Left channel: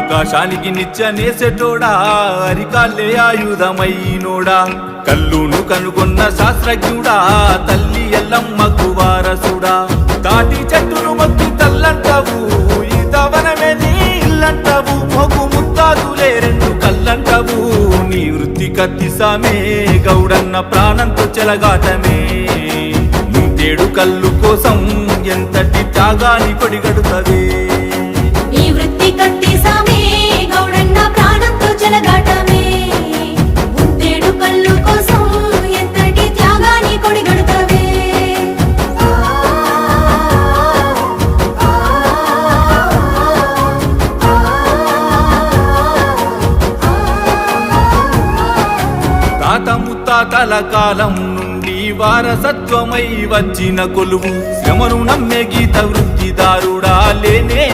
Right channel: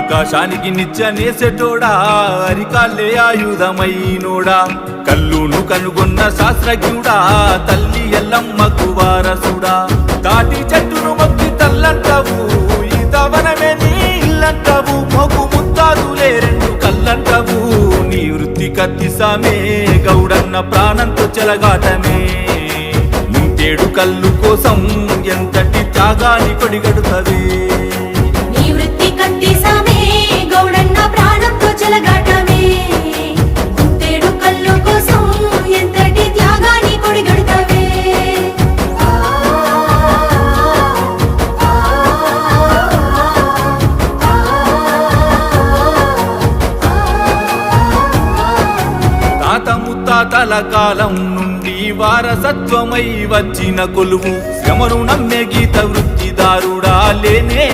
ఆకాశానికి నిత్యనేసెటోడా అరికాళ్ళే ఆయుధమైనోడా కల్లును కనుగొన్న శాస్త్రజ్ఞుడా తల్లి ఎల్లమ్మకు వారసుడా తాటి చెట్టును మొక్కి తల్లంటావు ఈ తవనమే నీ ఇల్లంటావు మొగు ముత్తాదులే రెండు కళ్ళంటావు నీ వృత్తి కత్తిసామే గౌడన్న ప్రాణంతో చెలగాటమే ముంతేడు కళ్ళు కోసం ఎంతటి త్యాగాన్ని కొడిగడుతవే నీ వృత్తి కత్తిసామే గౌడన్న ప్రాణంతో చెలగాటమే ముంతేడు కళ్ళు కోసం ఎంతటి త్యాగాన్ని కొడిగడుతవే తాత ముత్తాతల కాలం నుండి వారసత్వమై వచ్చిన కొలువు శ్రమను నమ్మే గీత వృత్తిదారుడా లేనే